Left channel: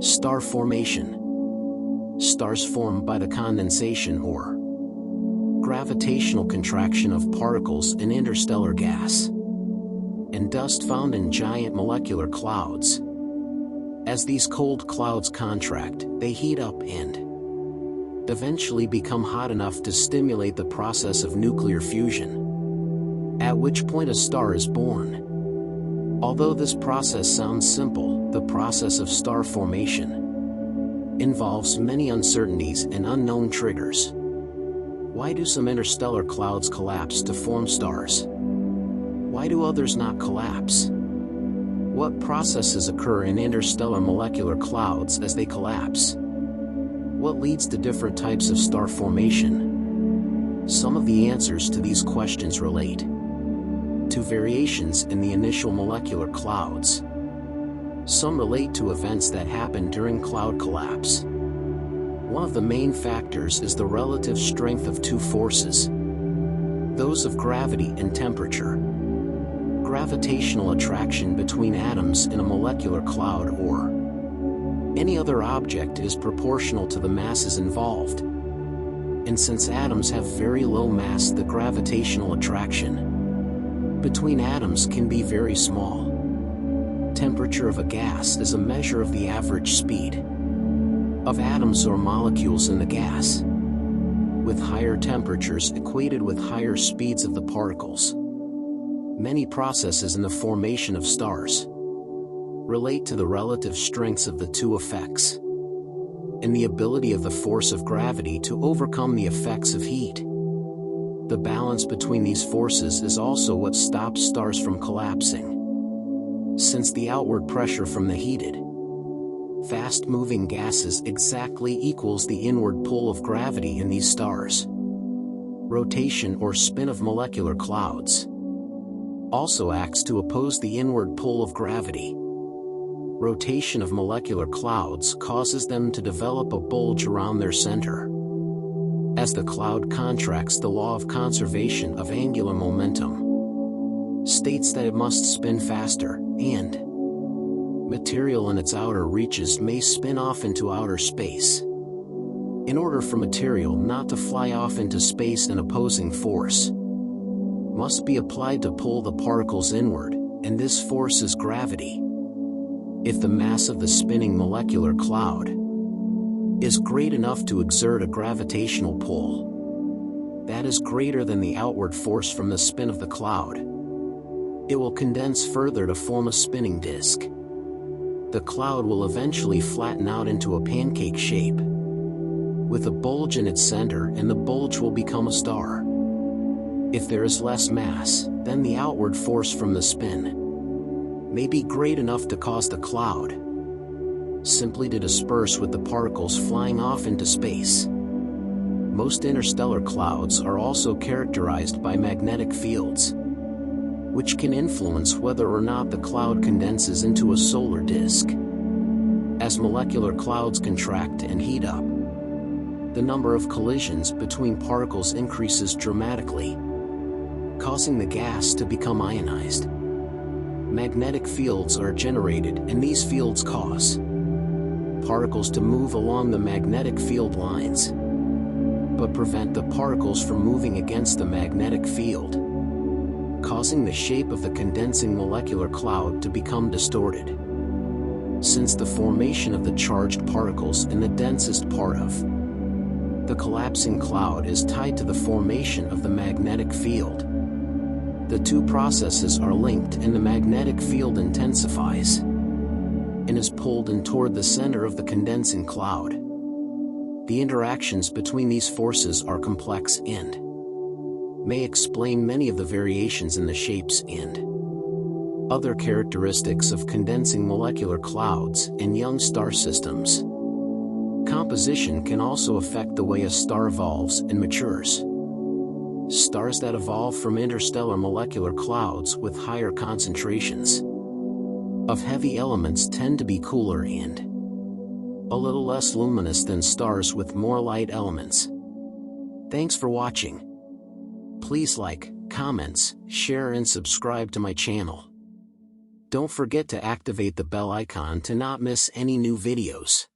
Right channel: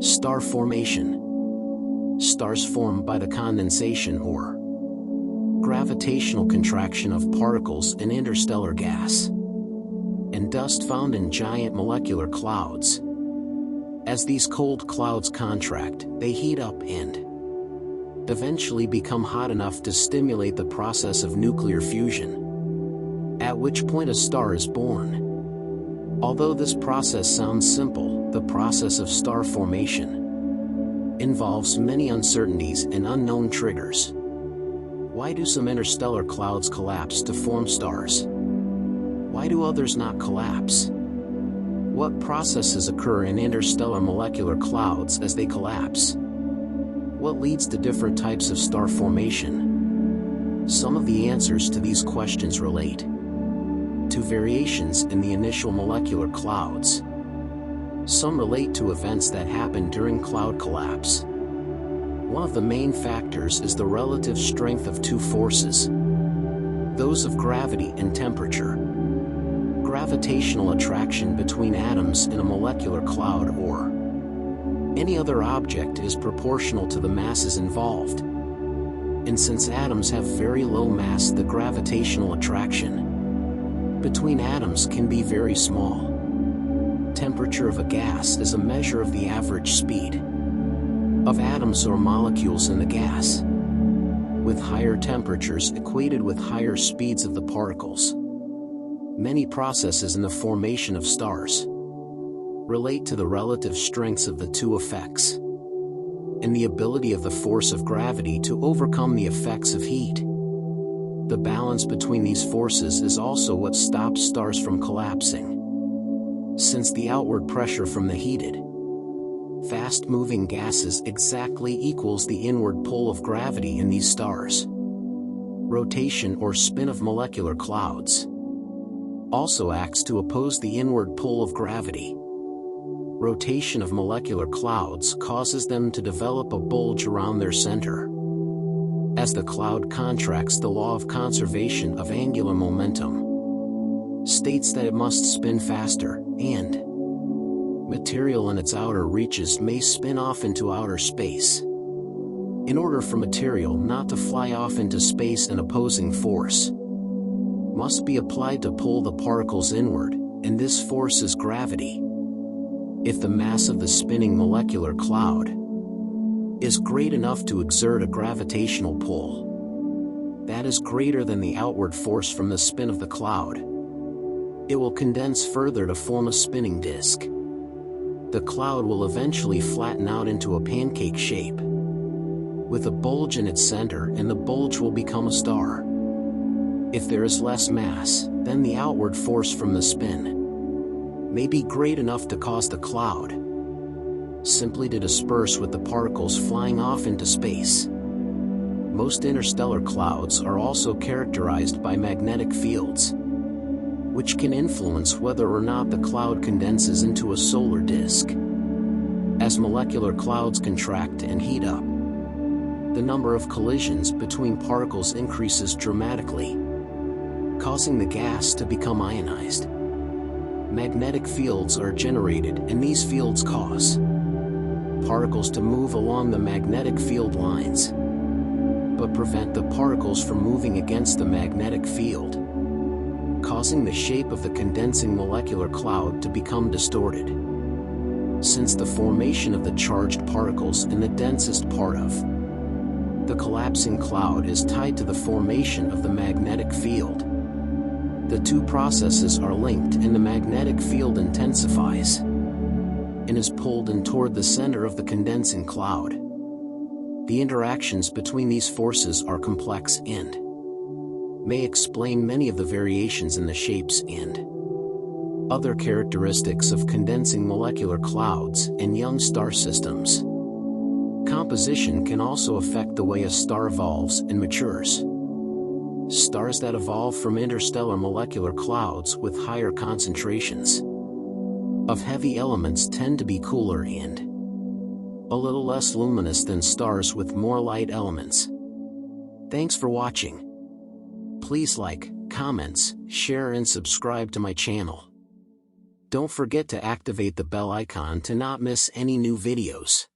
Star formation. Stars form by the condensation or gravitational contraction of particles in interstellar gas and dust found in giant molecular clouds. As these cold clouds contract, they heat up and eventually become hot enough to stimulate the process of nuclear fusion, at which point a star is born. Although this process sounds simple, the process of star formation involves many uncertainties and unknown triggers. Why do some interstellar clouds collapse to form stars? Why do others not collapse? What processes occur in interstellar molecular clouds as they collapse? What leads to different types of star formation? Some of the answers to these questions relate to variations in the initial molecular clouds. Some relate to events that happen during cloud collapse. One of the main factors is the relative strength of two forces, those of gravity and temperature. Gravitational attraction between atoms in a molecular cloud or any other object is proportional to the masses involved. And since atoms have very low mass, the gravitational attraction between atoms can be very small. Temperature of a gas is a measure of the average speed of atoms or molecules in the gas, with higher temperatures equated with higher speeds of the particles. Many processes in the formation of stars relate to the relative strengths of the two effects and the ability of the force of gravity to overcome the effects of heat. The balance between these forces is also what stops stars from collapsing, since the outward pressure from the heated, fast-moving gases exactly equals the inward pull of gravity in these stars. Rotation or spin of molecular clouds also acts to oppose the inward pull of gravity. Rotation of molecular clouds causes them to develop a bulge around their center. As the cloud contracts, the law of conservation of angular momentum states that it must spin faster, and material in its outer reaches may spin off into outer space. In order for material not to fly off into space, an opposing force must be applied to pull the particles inward, and this force is gravity. If the mass of the spinning molecular cloud is great enough to exert a gravitational pull that is greater than the outward force from the spin of the cloud, it will condense further to form a spinning disk. The cloud will eventually flatten out into a pancake shape, with a bulge in its center, and the bulge will become a star. If there is less mass, then the outward force from the spin may be great enough to cause the cloud simply to disperse with the particles flying off into space. Most interstellar clouds are also characterized by magnetic fields, which can influence whether or not the cloud condenses into a solar disk. As molecular clouds contract and heat up, the number of collisions between particles increases dramatically, causing the gas to become ionized. Magnetic fields are generated, and these fields cause particles to move along the magnetic field lines, but prevent the particles from moving against the magnetic field, causing the shape of the condensing molecular cloud to become distorted. Since the formation of the charged particles in the densest part of the collapsing cloud is tied to the formation of the magnetic field, the two processes are linked, and the magnetic field intensifies and is pulled in toward the center of the condensing cloud. The interactions between these forces are complex and may explain many of the variations in the shapes and other characteristics of condensing molecular clouds and young star systems. Composition can also affect the way a star evolves and matures. Stars that evolve from interstellar molecular clouds with higher concentrations of heavy elements tend to be cooler and a little less luminous than stars with more light elements. Thanks for watching. Please like, comments, share and subscribe to my channel. Don't forget to activate the bell icon to not miss any new videos.